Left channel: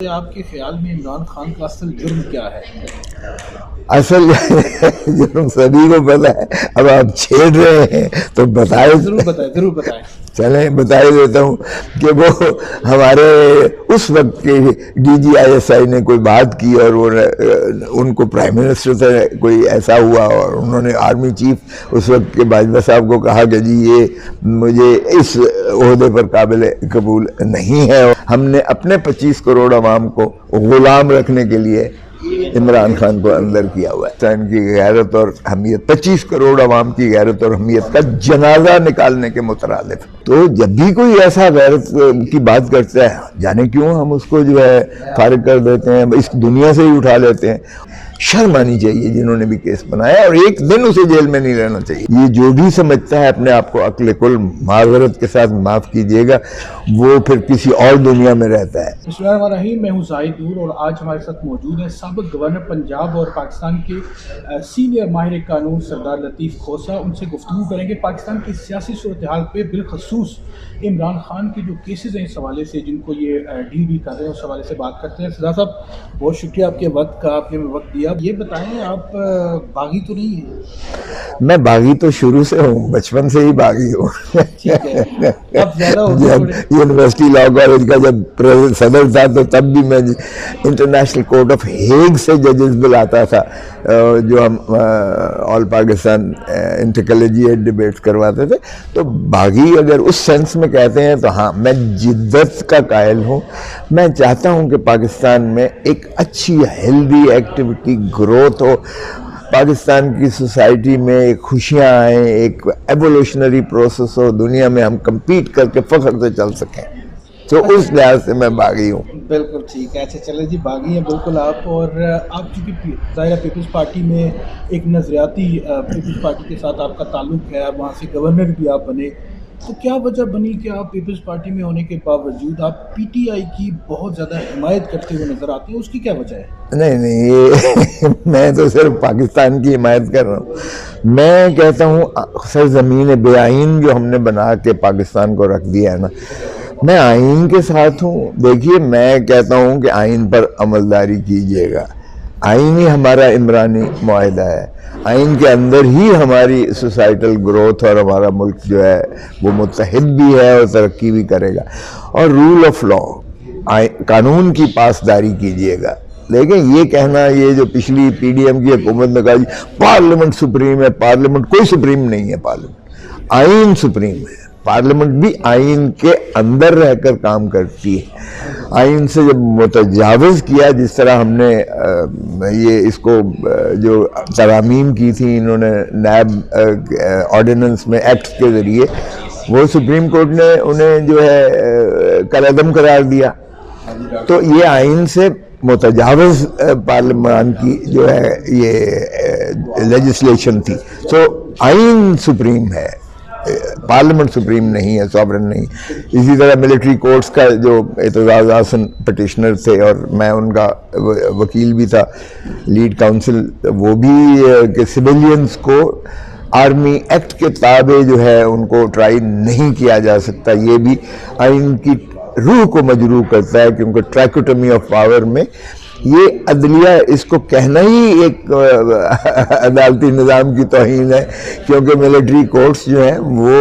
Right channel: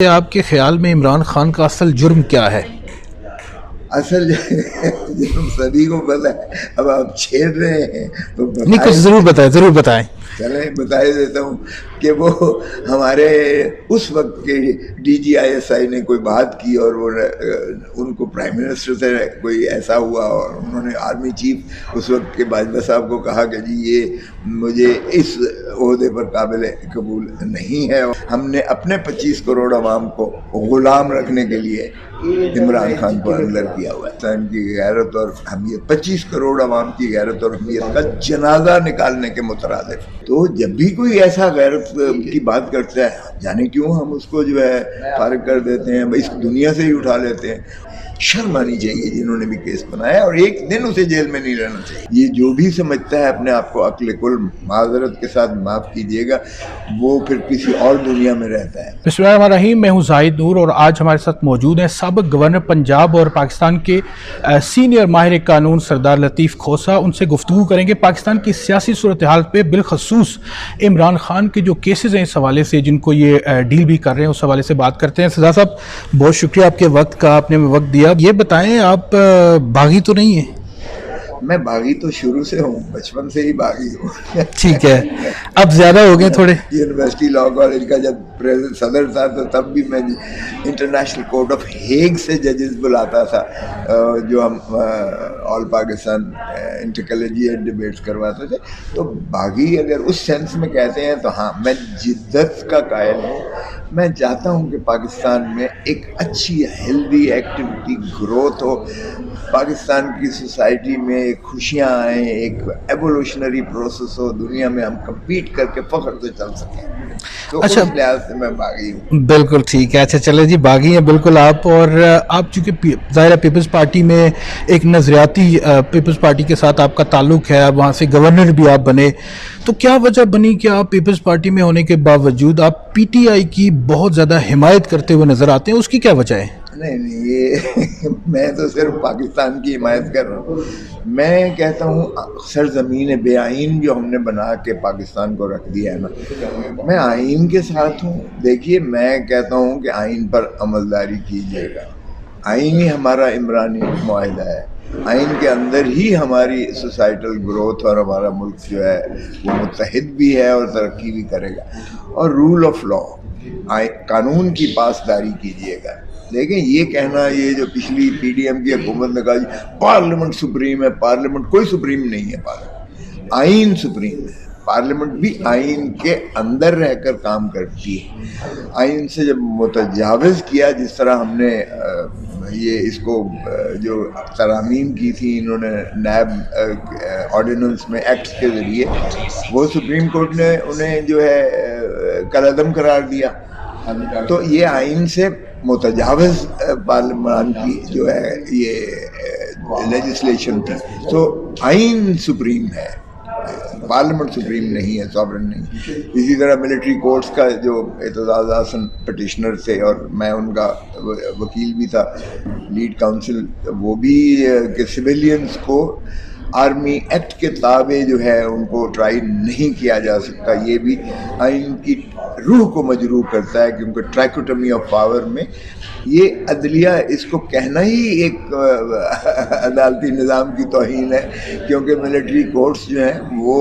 آپ کے خیال میں عمران خان کا اصل جرم کیا ہے؟ اصل جرم سبھی کو پتا ہے، اب آپ چھیڑ رہے ہیں تو بتائیں۔ ضرور بتائیں۔ چلیں بتا ہی دیتا ہوں کہ وہ ہمارے اس وقت کے D G I S I نے کوئی بات کی اور وہ ان کو پرائم منسٹر سے کوئی ایسا ہوا اور انہوں نے آرمی چیف اس وقت کے باجوہ صاحب کو کہا کہ جی یہ مجھے اس عہدے پر قابل قبول نہیں ہے۔ ہم نے اپنے 25 کروڑ عوام کو غلام رکھنے کے لیے عمران خان کو اندر کیا ہوا ہے۔ ان کی غیرت اور حمیت، 25 کروڑ عوام کی غیرت اور حمیت کا جنازہ نکالنے کے مترادف۔ تو جب بھی کوئی ایسا غیرت کی بات کرتا ہے، جانے کیوں ہم اس کو جو ہے فارغ کر دیتے ہیں، اس دنیا سے ہی اٹھا لیتے ہیں۔ شرم آنی چاہیے جنہوں نے بھی کیس بنایا، اور ایک دن اسے جیل میں نہیں رہنا چاہیے۔ یہ جو بھی سمجھتا ہے اپنے آپ کو عقل کل، معذرت کے ساتھ معاف کیجیے گا، وہ پھر کسی اور دنیا میں رہتا ہے۔ بسم اللہ الرحمن الرحیم، میں ہوں زاہد نور اور آج ہمارے ساتھ موجود ہیں سابق گورنر پنجاب اور پاکستان کے سینئر ماہر قانون سردار لطیف کھوسہ۔ ان سے گفتگو کریں گے پاکستان کی سیاسی صورتحال پہ، بالخصوص عمران خان کے جو کیسز ہیں اس حوالے سے، جن کو یہ ڈیل بھی کر رہے ہیں، اس حوالے سے بات کرتے ہیں۔ سردار صاحب بہت شکریہ آپ کے وقت کا، آپ نے وقت دیا۔ یہ بتائیں آپ باغی تو نہیں ہیں؟ میں باغی تو شروع سے ہوں، بچپن سے ہی باغی ہوں۔ ٹھیک ہے، اب زیادہ ہوگی تھوڑے۔ یونیورسٹی لا کالج کا جب صدر تھا تو تب بھی میں انٹرنیشنل کورٹ آف ہیگ سے ججز بلاتا تھا، جو ہم آل پاکستان انٹر کلیجیٹ ڈیبیٹس کرواتے تھے۔ تو باغی اگر اس سینس میں کہتے ہیں تو ہاں، میں جدت کا قائل ہوں۔ میں چاہتا ہوں کہ پاکستان میں ایک اچھی ہیلدی ایکٹیویٹی گروتھ ہو، پاکستان کی سوسائٹی میں خوشیاں آئیں، ایک ایوولوشنری پروسیس ہو، دنیا میں ہم کمپیٹ کر کے فخر سے چل سکیں۔ تو اس لحاظ سے میں باغی ہوں۔ بالکل ٹھیک ہے، اچھا چلے جی، باغی ہیں بالکل آپ۔ اور آپ چونکہ ظاہر ہے پیپلز پارٹی میں ایک نظریاتی پیپلز پارٹی کے ساتھ آپ کا تعلق ہے، وہاں سے گورنر بھی آپ بنے، تو کیا وجہ بنی کہ آپ پیپلز پارٹی میں ہونے کے باوجود آپ پی ٹی آئی کی بہت زیادہ حمایت کرتے ہوئے نظر آتے ہیں؟ اس کی کیا وجہ ہے؟ نہیں، یہ میں تو صرف پاکستان کی حمایت کر رہا ہوں۔ میں کہتا ہوں سرزمین بے آئین جو ہم نے بنا کے پاکستان کو رکھ دیا ہے نا، میں آئین کے ساتھ ہوں۔ دیکھیے، میں کہتا ہوں کہ آئین پر عملداری کیجیے گا۔ آئین ہی ہمارا عمرانی معاہدہ ہے، آئین کے اندر ہی ہماری سوسائٹل گروتھ اور ہمارا ملک جو ہے وہ متحد بھی ہے اور ترقی بھی کرے گا۔ اور رول آف لا، قانون کی پاسداری کیجیے گا۔ لیکن یہ کہنا، یہ جو پچھلی پی ڈی ایم کی حکومت نے کہا جی پارلیمنٹ سپریم ہے، پارلیمنٹ کوئی سپریم نہیں ہے، پارلیمنٹ آئین سپریم ہے۔ پارلیمنٹ بھی آئین کے اندر رہ کر کام کرتی ہے۔ آئین سے جب متجاوز کیا، جس طرح ہم نے یہ اس کو جو ترامیم کی تھی انہوں نے نائب آرڈیننس میں ایکٹ کے ذریعے، وہ سپریم کورٹ نے انہیں جو ہے کالعدم قرار دیا۔ تو یہ آئین سے متجاوز پارلیمان کی جو ہے یہ لیجسلیشن تھی۔ تو آئین سپریم ہے، پارلیمنٹ سپریم نہیں ہے، سوورن نہیں۔ اسی طرح ملٹری کورٹس کا جو اعتزاز احسن پٹیشنر تھے اور میں ان کا وکیل بھی تھا، لیڈ کاؤنسل، وہ بھی کہ سویلینز کو آرمی ایکٹ کے تابع جو ہے ان کو ٹرائی نہیں کیا جا سکتا، یہ بھی آئین کی روح کو مجروح کرتا ہے، کیونکہ ٹریکوٹمی آف پاور میں یہ عدلیہ، اس کو کہنا ہی ایک عدالتی نظام کی توہین ہے، کیونکہ ملٹری کورٹس جو ہیں وہ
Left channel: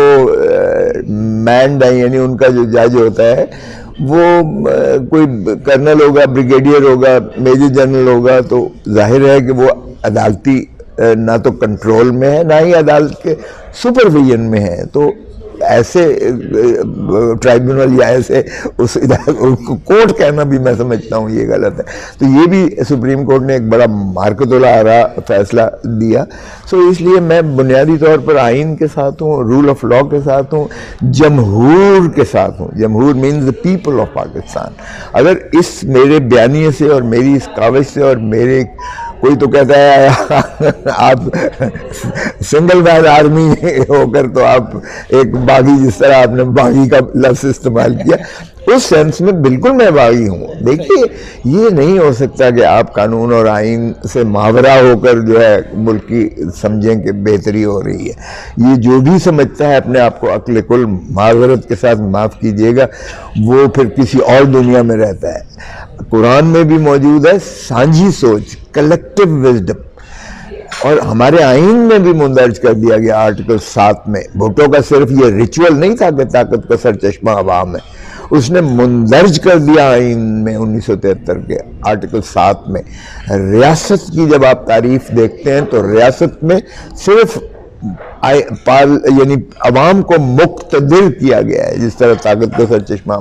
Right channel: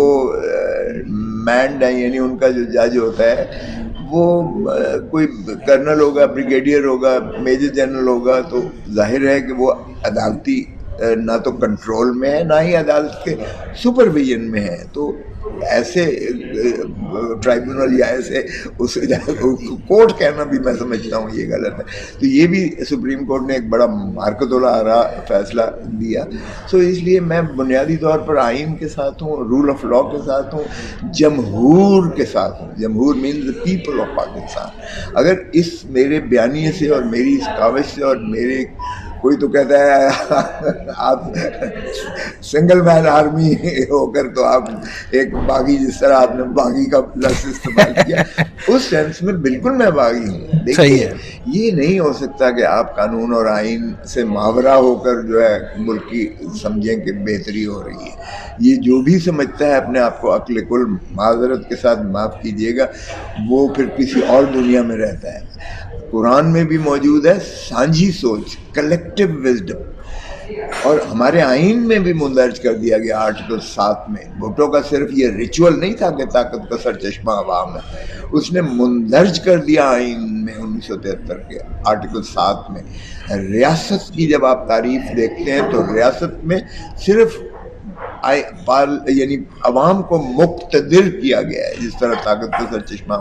مینڈ ہیں، یعنی ان کا جو جج ہوتا ہے وہ کوئی کرنل ہوگا، بریگیڈیئر ہوگا، میجر جنرل ہوگا، تو ظاہر ہے کہ وہ عدالتی نہ تو کنٹرول میں ہے، نہ ہی عدالت کے سپرویژن میں ہے۔ تو ایسے ٹرائبیونل یا ایسے اس کورٹ کہنا بھی میں سمجھتا ہوں یہ غلط ہے۔ تو یہ بھی سپریم کورٹ نے ایک بڑا مارکت الآراء فیصلہ دیا۔ سو اس لیے میں بنیادی طور پر آئین کے ساتھ ہوں، رول آف لا کے ساتھ ہوں، جمہور کے ساتھ ہوں۔ جمہور means the people of Pakistan. اگر اس میرے بیانیے سے اور میری اس کاوش سے اور میرے کوئی تو کہتا ہے آپ سنگل مین آرمی ہو کر تو آپ ایک باغی، جس طرح آپ نے باغی کا لفظ استعمال کیا، اس سینس میں بالکل میں باغی ہوں۔ دیکھیے، یہ نہیں ہو سکتا کہ آپ قانون اور آئین سے ماورا ہو کر جو ہے ملک کی سمجھیں کہ بہتری ہو رہی ہے۔ یہ جو بھی سمجھتا ہے اپنے آپ کو عقل کل، معذرت کے ساتھ معاف کیجیے گا، وہ پھر کسی اور دنیا میں رہتا ہے۔ قرآن میں بھی موجود ہے سانجھی سوچ، کلیکٹیو وزڈم، اور ہمارے آئین میں بھی مندرج کر دیا گیا آرٹیکل 7 میں. بھٹو کا صرف یہ ریچول نہیں تھا کہ طاقت کا سرچشمہ عوام ہے، اس نے مندرج کر دیا آئین میں 1973 کے آرٹیکل 7 میں ریاست کی. جب آپ تعریف دیکھتے ہیں تو ریاست میں صرف یعنی عوام کو مقتدر کیا گیا ہے، جس طرح طاقت کا سرچشمہ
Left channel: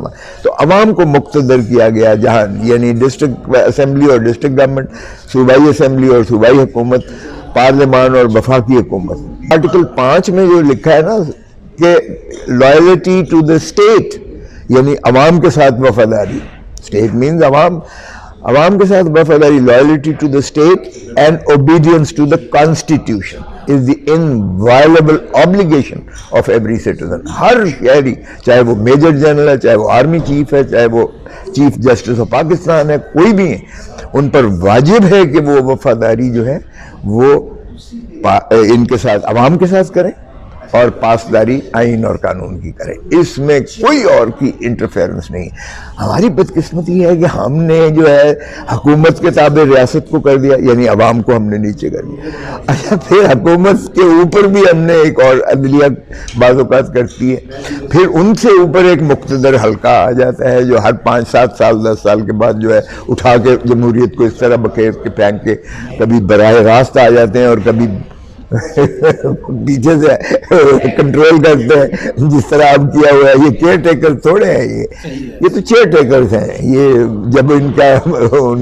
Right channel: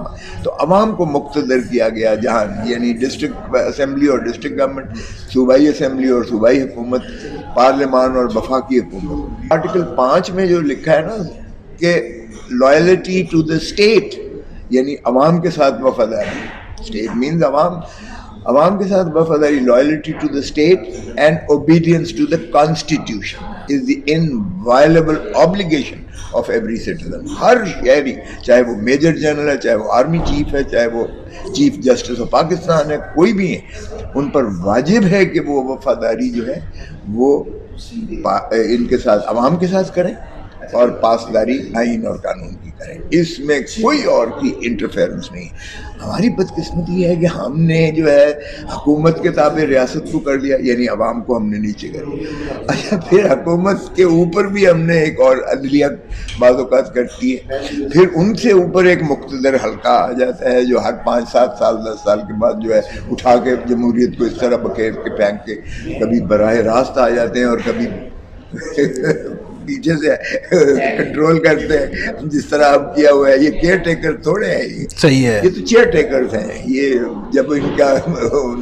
تو عوام کو مقتدر کیا گیا، جہاں یعنی ڈسٹرکٹ اسمبلی اور ڈسٹرکٹ گورنمنٹ، صوبائی اسمبلی اور صوبائی حکومت، پارلیمان اور وفاقی حکومت. آرٹیکل 5 میں جو لکھا ہے نا کہ لائلٹی ٹو دا اسٹیٹ، یعنی عوام کے ساتھ وفاداری، اسٹیٹ مینز عوام کے ساتھ وفاداری، loyalty to the state and obedience to the constitution is the inviolable obligation of every citizen. ہر شہری، چاہے وہ میجر جنرل ہے، چاہے وہ آرمی چیف ہے، چاہے وہ چیف جسٹس آف پاکستان ہے، کوئی بھی ہے، ان پر واجب ہے کہ وہ وفاداری جو ہے وہ ان کے ساتھ، عوام کے ساتھ کریں، اور پاسداری آئین اور قانون کی کریں. اس میں کوئی اور کی انٹرفیرنس نہیں. ہماری بدقسمتی یہ ہے کہ ہم نے جو ہے حکومت کے تابع ریاست کو کر دیا، یعنی عوام کو ہم نے نیچے کر دیا. اچھا، پھر حکومت کے اوپر بھی ہم نے ایک اور عدلیہ بعض اوقات کرتی ہے، پھر ان سے اوپر ایک مقتدر حلقہ آ جاتا ہے جو ہر 5-7 سال 10 سال کے بعد جو ہے اٹھا کے جمہوریت کو اس طرح بکیر کے پھینک کے کبھی براہ راست آ جاتے ہیں اور کبھی پیچھے سے کنٹرول کرتے ہیں، جس طرح اب کیا ہوا ہے. یہ کیئر ٹیکر تھوڑے ہیں، یہ صحیح ہے، یہ تو چیئر ٹیکرز ہیں. یہ جب ان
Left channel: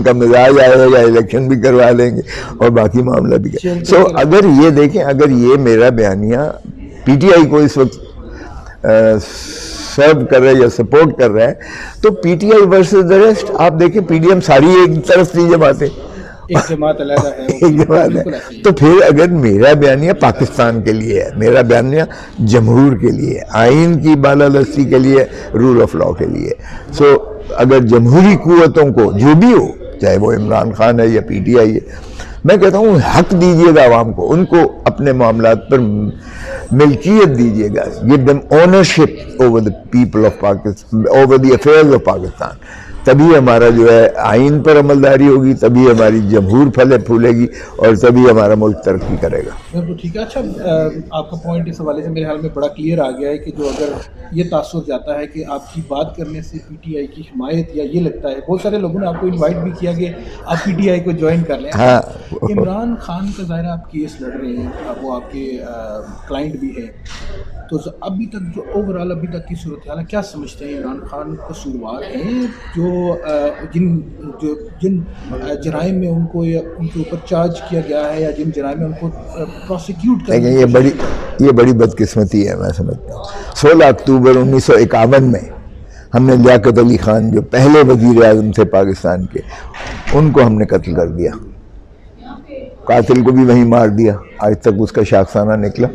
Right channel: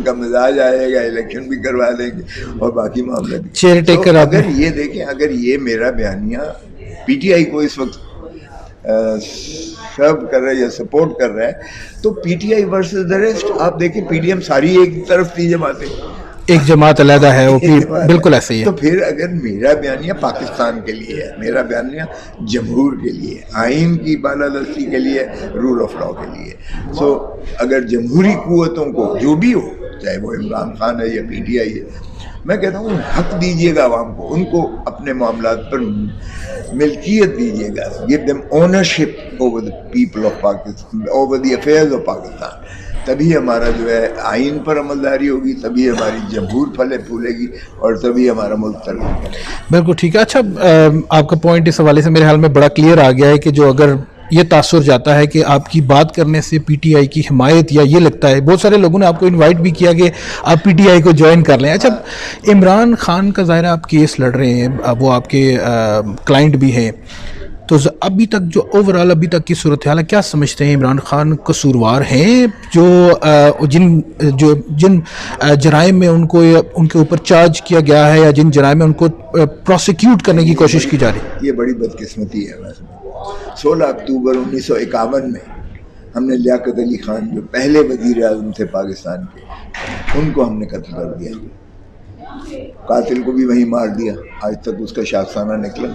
کا مزاج آئے گا الیکشن بھی کروا لیں گے اور باقی معاملہ بھی کریں. اگر یہ دیکھیں، اگر یہ میرا بیانیہ پی ٹی آئی کو اس وقت سرو کر رہا ہے یا سپورٹ کر رہا ہے تو P T I versus the rest. آپ دیکھیں پی ڈی ایم ساری ایک طرف نہیں جماعتیں، ایک جماعت علیحدہ ہے، وہ بالکل ایسے ہی ہے. تو پھر اگر میرا بیانیہ پاکستان کے لیے ہے، میرا بیانیہ جمہور کے لیے، آئین کی بالادستی کے لیے، رول آف لاء کے لیے، سو اگر جمہوری قوتوں کو جو بھی ہو، چاہے وہ عمران خان ہے یا پی ٹی آئی ہے، میں کہتا ہوں حق دیجیے گا عوام کو، ان کو اپنے معاملات پر ملکیت دیجیے گا. give them ownership over the people of Pakistan, over the affairs of Pakistan. تبھی ہمارا جو ہے آئین پر عملداری ہوگی، تبھی ہماری جمہور پھلے پھولے گی، اور تبھی ہمارا ملک ترقی کرے گا. بالکل ٹھیک ہے. اچھا، آپ کا پوائنٹ اس حوالے سے میرے خیال میں بڑا کلیئر آ گیا ہے کہ جو اگر یہ تاثر جاتا ہے کہ آپ کی بات کرنے سے پی ٹی آئی کی حمایت، یا یہ لگتا ہے بہت سارے لوگوں نے آپ کو انوائٹ بھی کیا کہ آپ پی ٹی آئی کو جوائن کر لیں. اچھا، عمران خان کا ظاہر آپ کیس لڑ رہے ہیں، وہ آپ کے کلائنٹ بھی ہیں، تو ابھی تک جو اوورال ابھی تک کی صورتحال ہے، کیا سمجھتے ہیں عمران خان قصوروار ہیں جو جن جرائم میں ان کے اوپر چارج کیا گیا ہے، یا جن جرائم میں ان کو پروسیکیوٹ کرنے کی کوشش کی جا رہی ہے؟ یہ بڑی بدقسمتی ہے، میں سمجھتا ہوں. 16 اکتوبر 1951 میں ہم نے لیاقت علی خان جو پہلے وزیر اعظم تھے پاکستان کے، ان کو ہم نے قتل کر دیا. قاتل کو بھی وہیں مار دیا. آج تک اس کا شاخسانہ نکلا.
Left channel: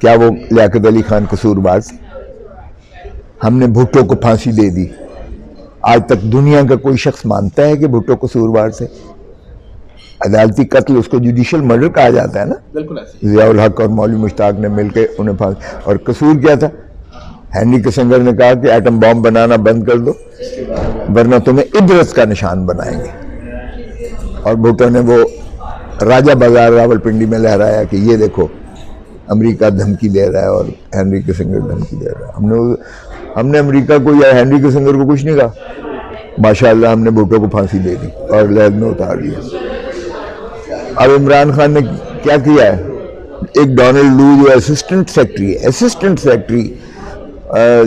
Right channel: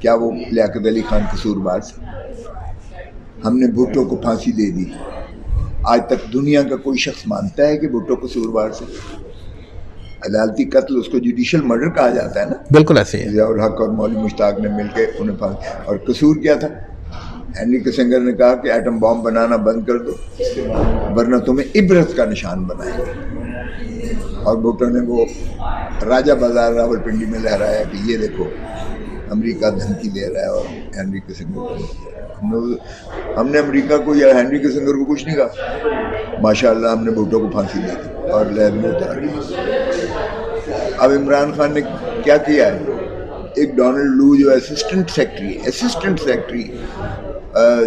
کیا وہ لیاقت علی خان قصوروار تھے؟ ہم نے بھٹو کو پھانسی دے دی. آج تک دنیا کا کوئی شخص مانتا ہے کہ بھٹو قصوروار تھے؟ عدالتی قتل اس کو جوڈیشل مرڈر کہا جاتا ہے نا. بالکل ایسے ہی. ضیاء الحق اور مولوی مشتاق نے مل کے انہیں پھانسی. اور قصور کیا تھا؟ ہینری کسنگر نے کہا کہ ایٹم بام بنانا بند کر دو ورنہ تمہیں عبرت کا نشان بنائیں گے. اور بھٹو نے وہ راجہ بازار راولپنڈی میں لہرایا کہ یہ دیکھو امریکہ دھمکی دے رہا ہے اور ہینری کسنگر دھمکی دے رہا ہے. ہم نے امریکہ کو یا ہینری کسنگر کو کچھ نہیں کہا. ماشاءاللہ ہم نے بھٹو کو پھانسی دے دی اور لہر میں اتار دیا. اب عمران خان نے کیا کیا ہے؟ ایک ڈونلڈ لو جو اسسٹنٹ سیکٹری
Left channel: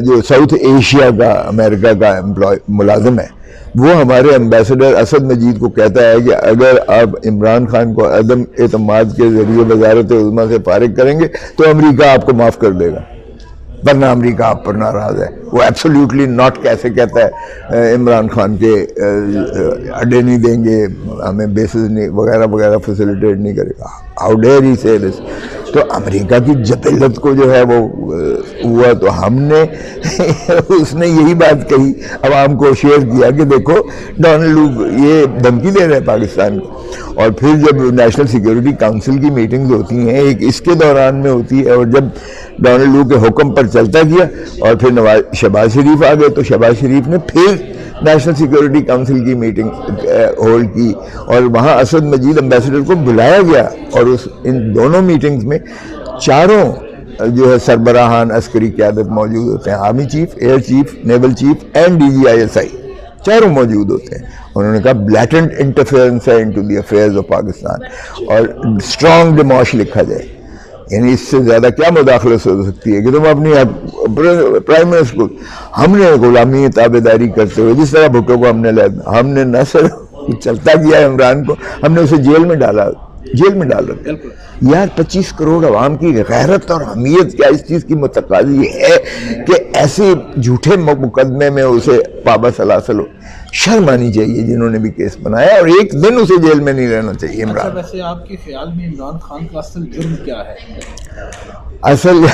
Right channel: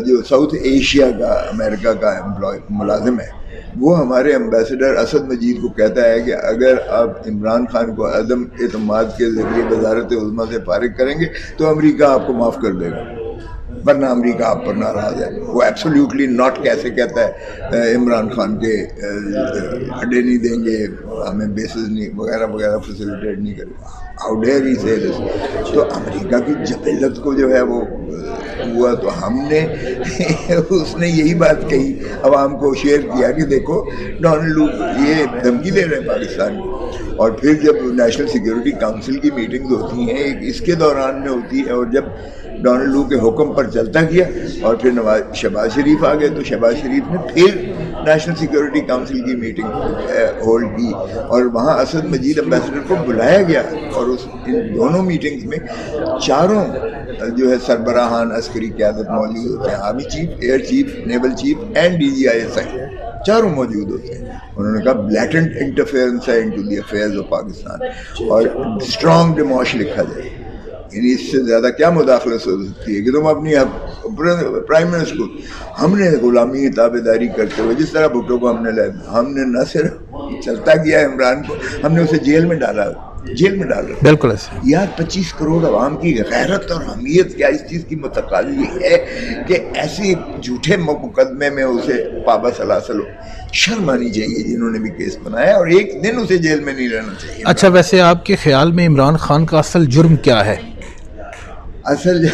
جو ساؤتھ ایشیا کا امریکہ کا ملازم ہے، وہ ہمارے ایمبیسڈر اسد مجید کو کہتا ہے کہ اگر آپ عمران خان کو عدم اعتماد کے ذریعے وزارت عظمیٰ سے فارغ کریں گے تو امریکہ آپ کو معاف کر دے گا، ورنہ امریکہ آپ پر ناراض ہے. وہ ایبسولیوٹلی ناٹ کیسے کہتا ہے عمران خان کے اڈے نہیں دیں گے، ہمیں بیسز نہیں وغیرہ وغیرہ فیسیلیٹیٹ نہیں کرے گا. ہاؤ ڈیئر ہی سے دس. تو امریکہ کی جبلت کو جو ہے وہ ہوا تو ہم نے اس نے یہی بات کہی، عوام کو شیئر کیا کہ دیکھو ڈونلڈ لو یہ دھمکی دے رہے ہیں پاکستان کو. اور پھر جب نیشنل سیکیورٹی کاؤنسل کی میٹنگز ہوتی ہیں، ایک اس کے دوران میں ہوتی ہے، اور جب ڈونلڈ وو کے حکم پر چلتا گیا اور پھر شہباز شریف آ گئے تو شہباز شریف نے پھر نیشنل سیکورٹی کونسل کی میٹنگ ہولڈ کی اور وہاں اسد مجید امبیسڈر کو بلایا گیا اور ان دونوں میٹنگز میں چاروں جو ہے سربراہان عسکری قیادت موجود ہوتے ہیں، army chief, air chief, naval chief and DGISI، چاروں موجود ہوتے ہیں. انہوں نے کہا بلیٹنٹ انٹرفیئرنس ہے into the affairs of Pakistan اور اسٹرانگ ڈیموش لکھا جائے. یعنی اس سے زیادہ کیا مداخلت ہو سکتی ہے کہ تم اپنی پرائم منسٹر کو، ہم نے غلامی تابع داری کرتے ہوئے جس طرح بھٹو کو ہم نے نہ صرف چلتا کیا عمران کو، ہم نے اسے جیل میں ڈالا. بالکل ایسے یار 25 کروڑ عوام کی غیرت اور حمیت کیا اس چیز کی متقاضی ہے کہ ایسے جھوٹے مقدمے میں اسے پابا سلاسل ہو. شرم آنی چاہیے جنہوں نے بھی کیس بنایا، اور ایک دن اسے جیل میں نہیں رہنا چاہیے. اچھا، ویسے آپ کے خیال میں عمران خان کا اصل جرم کیا ہے؟ اصل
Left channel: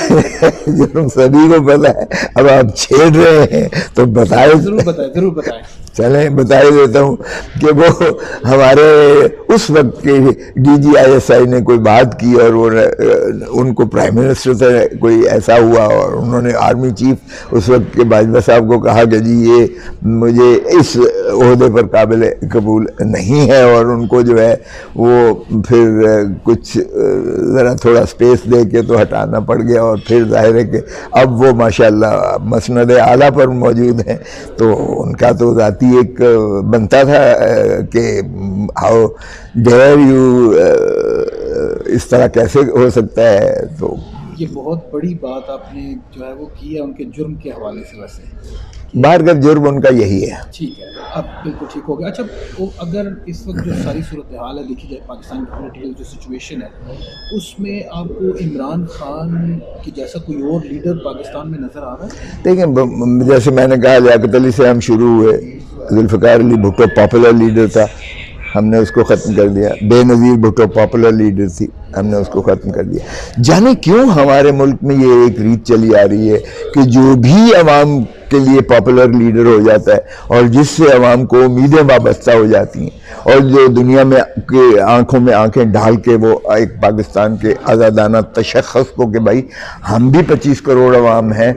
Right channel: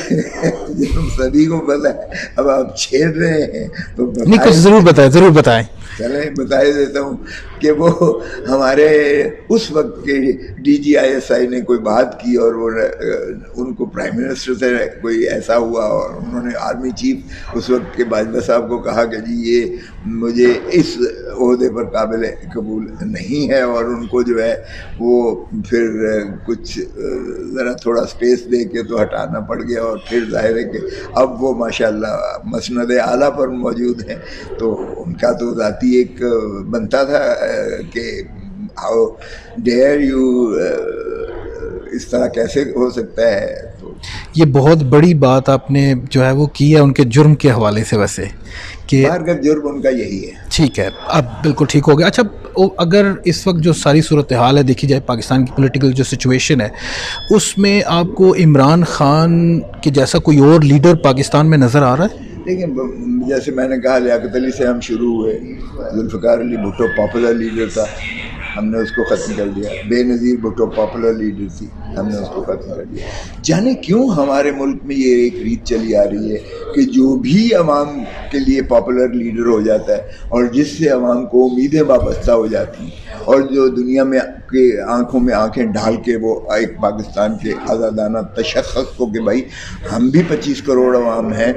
جرم سبھی کو پتا ہے، اب آپ چھیڑ رہے ہیں تو بتائیں. ضرور بتائیں. چلیں بتا ہی دیتا ہوں کہ وہ ہمارے اس وقت کے DGISI نے کوئی بات کی اور وہ ان کو پرائم منسٹر سے کوئی ایسا ہوا اور انہوں نے آرمی چیف اس وقت کے باجوہ صاحب کو کہا کہ جی یہ مجھے اس عہدے پر قابل قبول نہیں ہے، اور ان کو جو ہے وہ پھر کچھ ذرا تھوڑا سپیس دے کے تو ہٹانا پڑ گیا، اور پھر ظاہر ہے کہ اب وہ ماشاءاللہ مسند اعلیٰ پر موجود ہیں. تو ان کا تو ذاتی ایک بنتا تھا کہ ہاؤ ڈیئر یو، اس طرح کیسے ہو سکتا ہے. تو یہ بہت بڑی بات آپ نے جو ہے وہ کی ہے ان کے جرم کے حوالے سے، ویسے کہ بار کا جرم ان کا یہی ہے. ٹھیک ہے، اب بالکل ٹھیک ہو گیا. اچھا، اگر اس وقت جو ساری صورتحال ہے دیکھی جائے، پاکستان کی پولیٹیکل جو سچویشن ہے، اس میں آپ کو عمران خان کے جیسا کوئی اور لیڈر پاکستان میں نظر آ رہا ہے؟ دیکھیں، جیسے میں نے کہا لیاقت علی سے ہم شروع ہوئے، ذوالفقار علی بھٹو پاپولر لیڈر تھا، ہم نے اس کو ختم کر دیا. بے نظیر بھٹو پاپولر لیڈر تھی، ہم نے اس کو ختم کر دیا. جانے کیوں ہمارے ملک میں یہ ایک ریت چلی آ رہی ہے کہ جو بھی عوام کے لیے پاپولر لیڈر ہو جاتا ہے اور جس سے عوام کو امیدیں وابستہ ہو جاتی ہیں، اور جو دنیا میں کے آنکھوں میں آنکھیں ڈال کے وہ ایک پاکستان کے آزادانہ تشخص کو کہ بھائی ہم بھی 25 کروڑ عوام ہیں،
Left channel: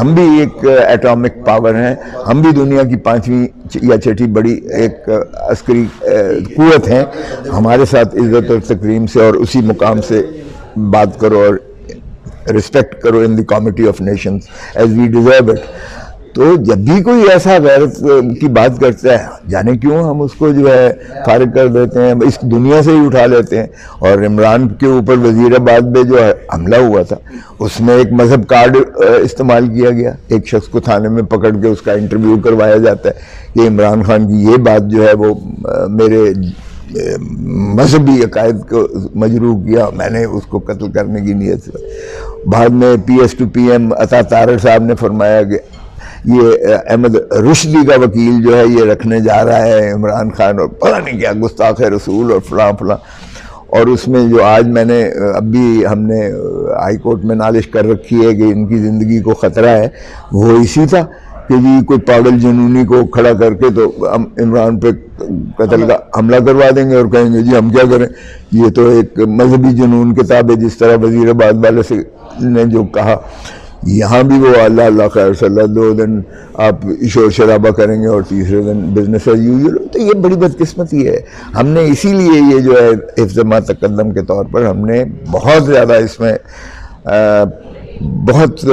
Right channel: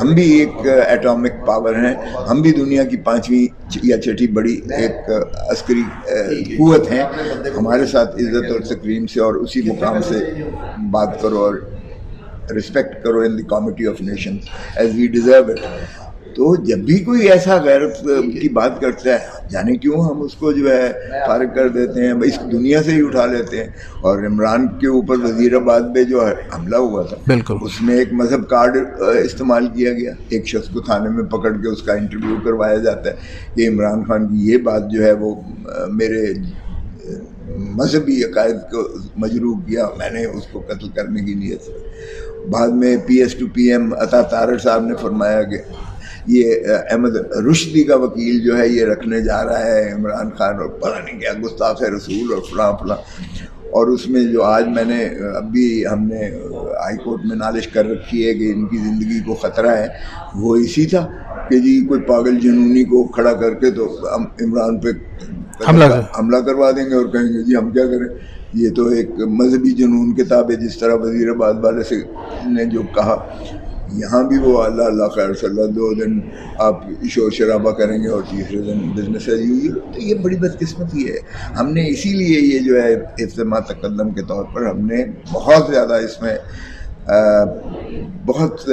ہم بھی ایک ایٹامک پاور ہیں، ہم بھی دنیا کی 5ویں یا 6ٹھی بڑی ایک عسکری قوت ہیں، ہمارے ساتھ عزت اور تکریم سے اور اسی مقام سے بات کرو اور رسپیکٹ کرو in the committee of nations as we deserve it. تو جب بھی کوئی ایسا غیرت کی بات کرتا ہے، جانے کیوں ہم اس کو جو ہے فارغ کر دیتے ہیں، اس دنیا سے ہی اٹھا لیتے ہیں. اور عمران کے اوپر وزیر آباد میں جو حملہ ہوا تھا، اس میں ایک مذہب کارڈ استعمال کیا گیا. ایک شخص کو تھانے میں پکڑ کے اس کا انٹرویو کروایا جاتا ہے کہ عمران خان کی یہ بات جو ہے وہ میرے مذہبی عقائد کو مجروح کیا، میں نے اس کو قتل کرنے کی نیت سے. بعد میں PS to PM عطا طارق صاحب نے فرمایا کہ یہ احمد رشدی کا وکیل جو ہے یہ رکھنے جا رہا ہے عمران خان، اور پتہ نہیں کیا گستاخ رسول اور فلاں فلاں. اور اس میں جو آج میں نے اب بھی ہم نے ہائی کورٹ میں نالش کر رکھی ہے کہ ان کی زندگی کو خطرہ ہے، وہ اسی تھا کہ جی کوئی پاگل جنونی کو کھڑا کر کے تو ہم عمران پہ حملہ کروا دیں گے اور کہیں گے جی ہم کیا کریں، یہ تو ایک مذہبی جنون کتاب ہے. جس طرح وزیر آباد والے سے نے جو کہا، یہاں بھی وہ اللہ اللہ خیر صلی اللہ، 2 دن آپ شور شرابہ کریں گے اور تیسرے دن بزنس ایز یوزول. تو یہ بڑی بدقسمتی ہے. ہم نے اسی لیے یہ جو ہے حفظ ما تقدم کے طور پر ہم نے بہت زیادہ اس میں بہت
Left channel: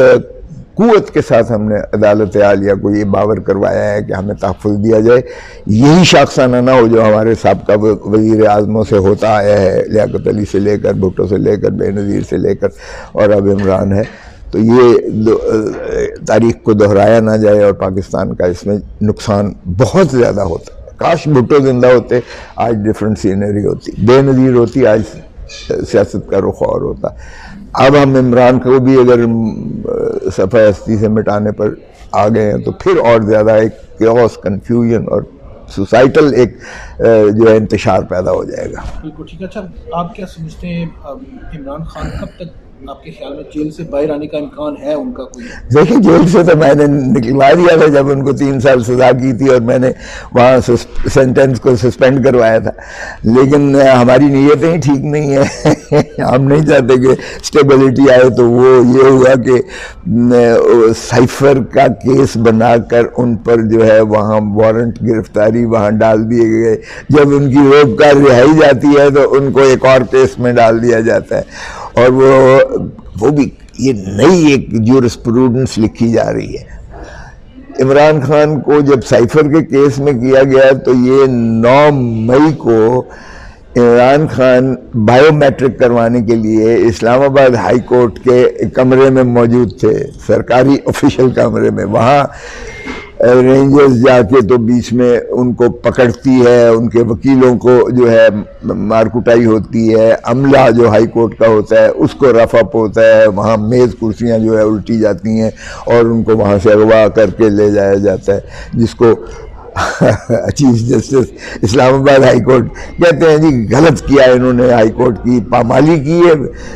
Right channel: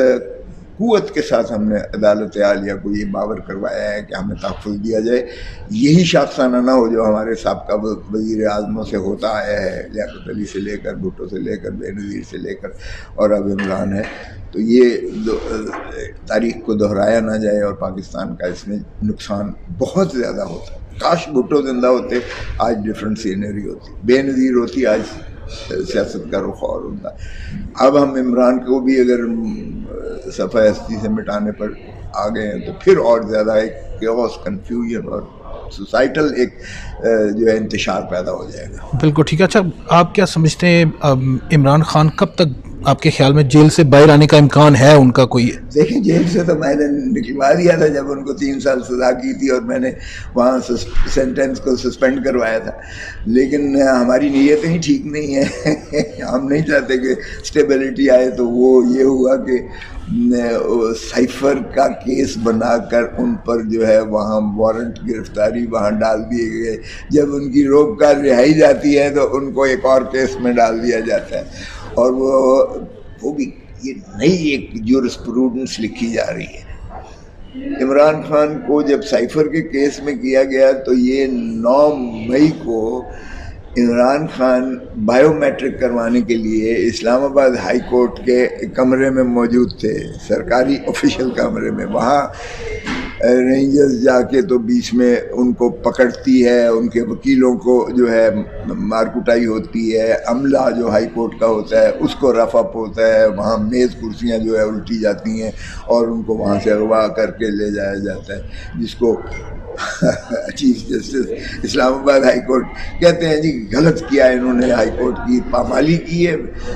قوت کے ساتھ ہم نے عدالت عالیہ کو یہ باور کروایا ہے کہ ہمیں تحفظ دیا جائے. یہی شاخسانہ نہ ہو جو ہمارے سابقہ وزیر اعظموں سے ہوتا آیا ہے، لیاقت علی سے لے کر، بھٹو سے لے کر، بے نظیر سے لے کر اور اب عمران ہے. تو یہ تاریخ کو دہرایا نہ جائے اور پاکستان کا اس میں نقصان بہت زیادہ ہوتا. کاش بھٹو زندہ ہوتے، آج ڈیفرنٹ سینری ہوتی، بے نظیر ہوتی، آج سیاست کا رخ اور ہوتا. اب ہم عمران کو بھی اگر صفحہ ہستی سے مٹانے پر آ گئے ہیں تو پھر اور زیادہ ایک کیوس، کنفیوژن اور سوسائٹل ایک جو ہے انتشار پیدا ہو جائے گا. بالکل ٹھیک ہے. اچھا، آپ کیا سمجھتے ہیں عمران خان کب تک آپ کے خیال میں جیل سے باہر آنے کا امکان ہے ان کا کوئی؟ دیکھیں جیل سے تو میں نے نکلوا دیا تھا جب ان کو 3 سال سزا کی تھی اور میں نے وہاں سینٹنس کو سسپینڈ کروایا تھا، لیکن ہماری نیتیں ہی ٹھیک نہیں ہیں ہم نہیں چاہتے کہ اسٹیبلٹی آئے، تو وہ یہ ہوا کہ سائفر کا کیس بنا کر ان پر جو ہے وہاں وارنٹ گرفتاری وہاں ڈال دیے گئے، جب ان کی روک کر رہائی جاتی ہے تو ان کو ایک اور کیس میں ڈال دیا جاتا ہے، اور وہ بھی یہ نئی ایک جورسپروڈنس لکھی جا رہی ہے۔ عمران خان کو جب سائفر کے کیس میں کیا گیا تو یہ 9 مئی کو عمران خان بائیو میٹرک کروانے کے لیے اسلام آباد ہائی کورٹ کے کمرے میں موجود تھے، سرکاری آفیشل کمرے میں، وہاں رینجرز جا کے تو بیچ میں ان کو پکڑتی ہے، ان کے وکیلوں کو جو ہے مار کٹائی ہوتی ہے، عملہ جو ہائی کورٹ کا ہوتا ہے اس کو رف اپ ہوتا ہے، وہاں میز کرسیاں جو ہے الٹی جاتی ہیں اور ان کو وہاں سے اغوا کر کے لے جایا جاتا ہے، جس کو چیف جسٹس اسلام آباد ہائی کورٹ کہتے ہیں جی غلط کیا ہے انہوں نے، ہائی کورٹ کی پامالی کی ہے،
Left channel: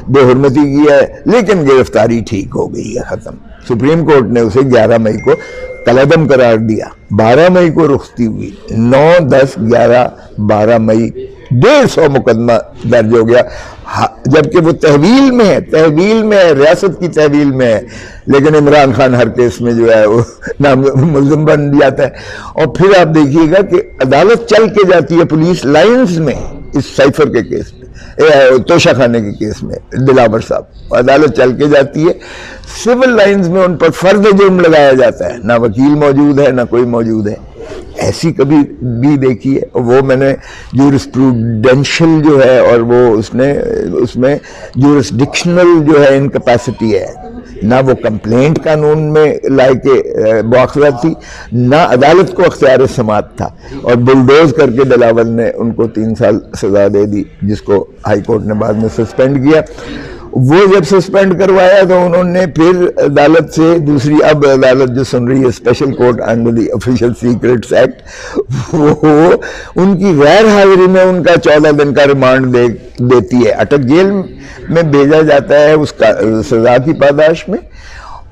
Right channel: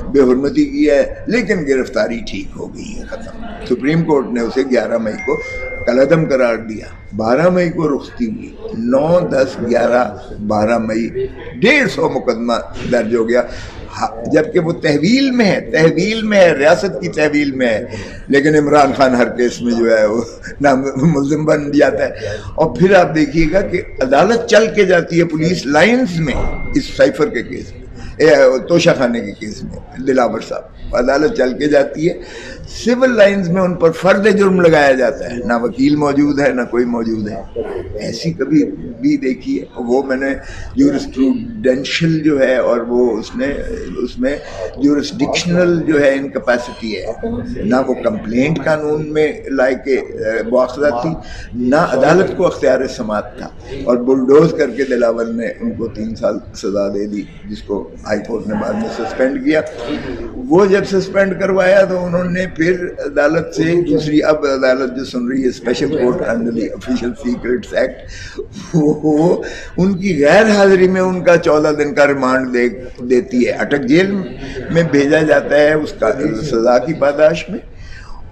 بے حرمتی کی ہے، لیکن گرفتاری ٹھیک ہو گئی ہے، ختم۔ سپریم کورٹ نے اسے 11 مئی کو کالعدم قرار دیا، 12 مئی کو رخصتی ہوئی، 9، 10، 11، 12 مئی 150 مقدمہ درج ہو گیا، جبکہ وہ تحویل میں ہے، ریاست کی تحویل میں ہے، لیکن عمران خان ہر کیس میں جو ہے وہ ملزم بن جاتا ہے۔ اور پھر آپ دیکھیے گا کہ عدالت چل کے جاتی ہے پولیس لائنز میں، اس سائفر کے کیس میں، توشہ خانے کے کیس میں، دلاور صاحب عدالت چل کے جاتی ہے، سول لائنز میں ان پر فرض جرم لگایا جاتا ہے، نہ وکیل موجود ہے نہ کوئی موجود ہے، ایسی کبھی بھی دیکھی ہے؟ وہ میں نے جورسپروڈینشل جو ہے، اور وہ اس میں جورسڈکشنل جو ہے انکیپیسٹی ہے، نہ وہ کمپلینٹ قانون میں لائے کے مواخذہ تھی، نہ عدالت کو اختیار سماعت تھا، اور بلڈوز کر کے دلاور نے ان کو 3 سال سزا دے دی، جس کو ہائی کورٹ نے بعد میں سسپینڈ کیا۔ وہ جب سسپینڈ کروایا تو انہوں نے پھر عدالت سے دوسری، اب عدالت جو سن رہی ہے special court under the official secrets act, وہ ان کی غیر حاضری میں ان کا 14 دن کا ریمانڈ دیتی ہے، اٹک جیل میں بھیجا جاتا ہے اس کا سزا کی پاداش میں،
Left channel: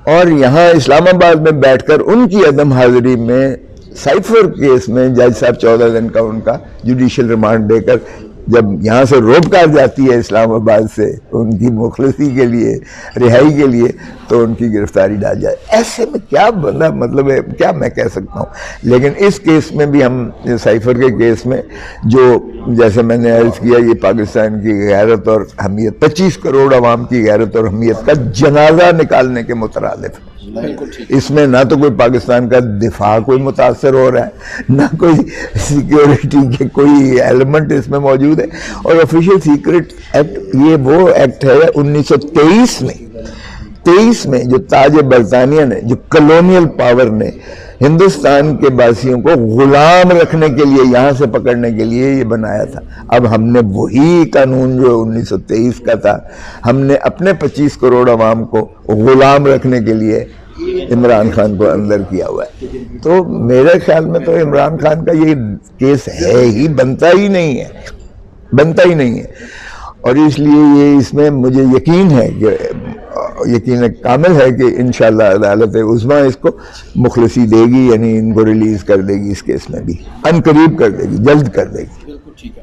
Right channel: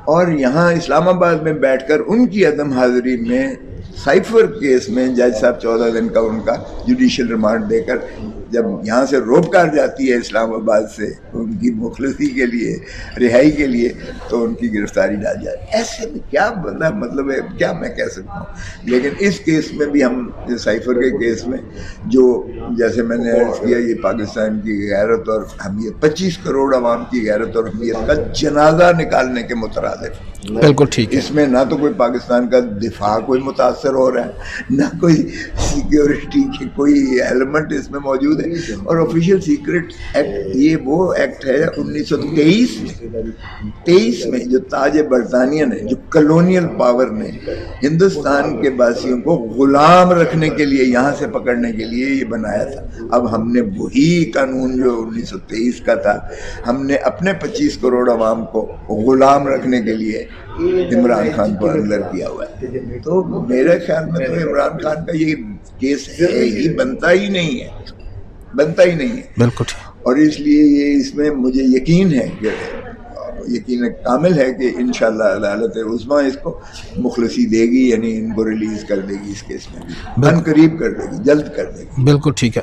اور یہاں اسلام آباد میں بیٹھ کر ان کی عدم حاضری میں سائفر کیس میں جج صاحب 14 دن کا ان کا جوڈیشل ریمانڈ دے کر جب یہاں سے روک کر جاتی ہے اسلام آباد سے ان کی مخلصی کے لیے، رہائی کے لیے، تو ان کی گرفتاری ڈال جائے۔ ایسے میں کیا بنا مطلب ہے، کیا میں کہہ سکتا ہوں؟ لیکن اس کیس میں بھی ہم سائفر کے کیس میں جو جیسے میں نے عرض کیا، یہ پاکستان کی غیرت اور حمیت، 25 کروڑ عوام کی غیرت اور حمیت کا جنازہ نکالنے کے مترادف۔ بالکل ٹھیک۔ اس میں نہ تو کوئی پاکستان کا دفاع کوئی متاثر ہو رہا ہے، نہ کوئی سیکیورٹی کے کوئی ایلیمنٹ اس میں موجود ہے، اور آفیشل سیکرٹ ایکٹ یہ وہ ایکٹ ہے 1923 میں جو تاج برطانیہ نے، جو کلونیل پاور نے ہندوستان کے باسیوں کو غلام رکھنے کے لیے، یہاں سے پکڑنے کے لیے یہ بنایا تھا۔ اب ہم نے وہی قانون جو 1923 کا تھا، ہم نے اپنے 25 کروڑ عوام کو غلام رکھنے کے لیے عمران خان کو اندر کیا ہوا ہے۔ تو میرے خیال میں تو عمران خان کا یہ کیس ہے ہی، بنتا ہی نہیں ہے۔ بالکل، اور اس لیے یہ اس میں مجھے یقین ہے کہ یقین کامل ہے کہ انشاءاللہ عدالت عظمیٰ اس کو مخلصی دے گی، یعنی ان کو ریلیز کر دے گی، اس کیس میں بھی ان قریب کر دے گی، جلد کر دے گی۔ بالکل ٹھیک ہے۔